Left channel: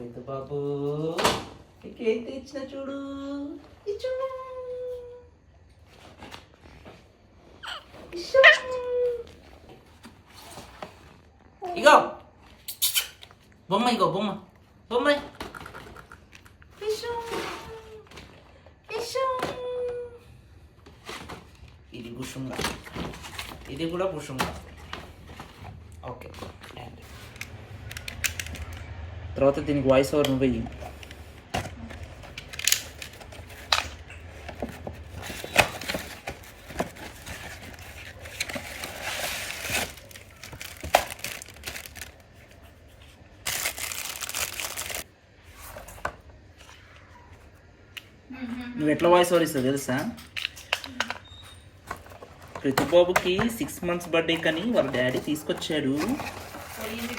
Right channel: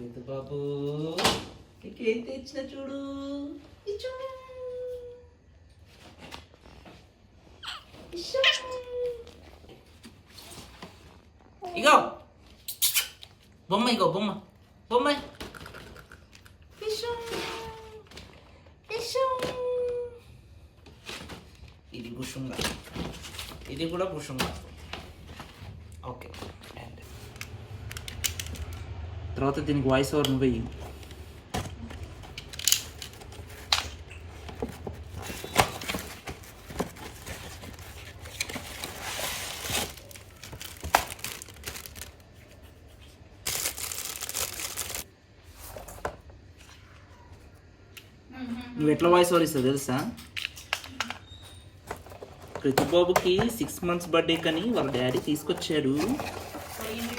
రైతు బాబు నీకేం తెచ్చిన చూడు ఇచ్చు. ఇచ్చు. ఇగో బొమ్మ, ఇగో బొమ్మ బొమ్మ. ఇచ్చు. ఇచ్చు. ఇది కుషుంగా, ఇది కూడా కుషుంగా. ఓకే, తర్వాత దీనికి వాయిస్ ఓవర్ నువ్వు వెయ్యి. నువ్వు ఎట్లా వాయిస్ ఓవర్ ఇస్తావు తెలుసా? రితుబాబుకి 6 months బర్త్డే కానీ వాళ్ళ డాడీ తీసుకొచ్చాడు.